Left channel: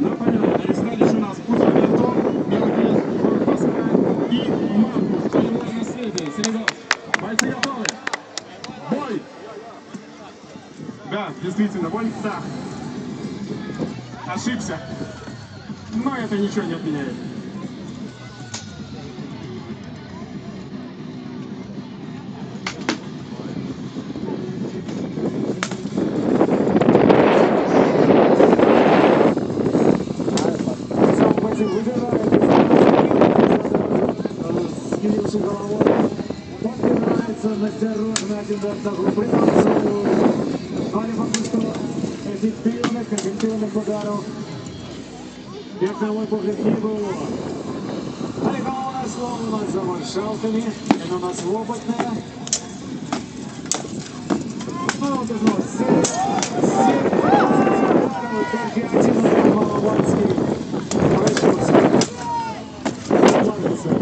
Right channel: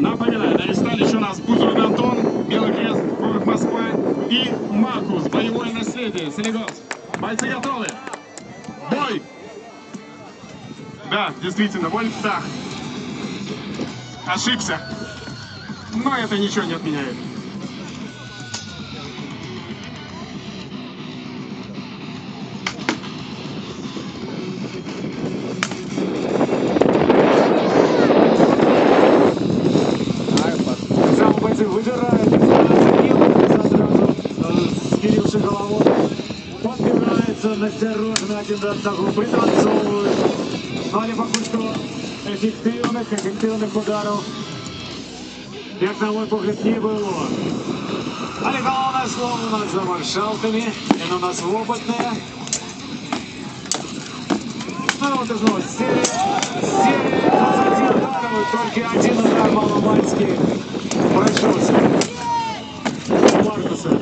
Напоминаю, на ресталище у нас Бузов Антон, Белый Крест, город Москва и Маркус, боевое наследие, Селигос. Бойцы готовы? Бой! Да, действительно, бой, да. Ошибся. Но это ничего не отменяет. Бойцы выбирают дистанцию, Килл сразу скиривши головой, подбирается настороженно один до одного, пританцовывают. Але пока что эффективных ударов, як на мой погляд, не было. Але головное слово у нас за маршалками, оно у нас опытное. Ну вот и снова серия 20 ударов, только один удар маломальский прошелся. Маркуса.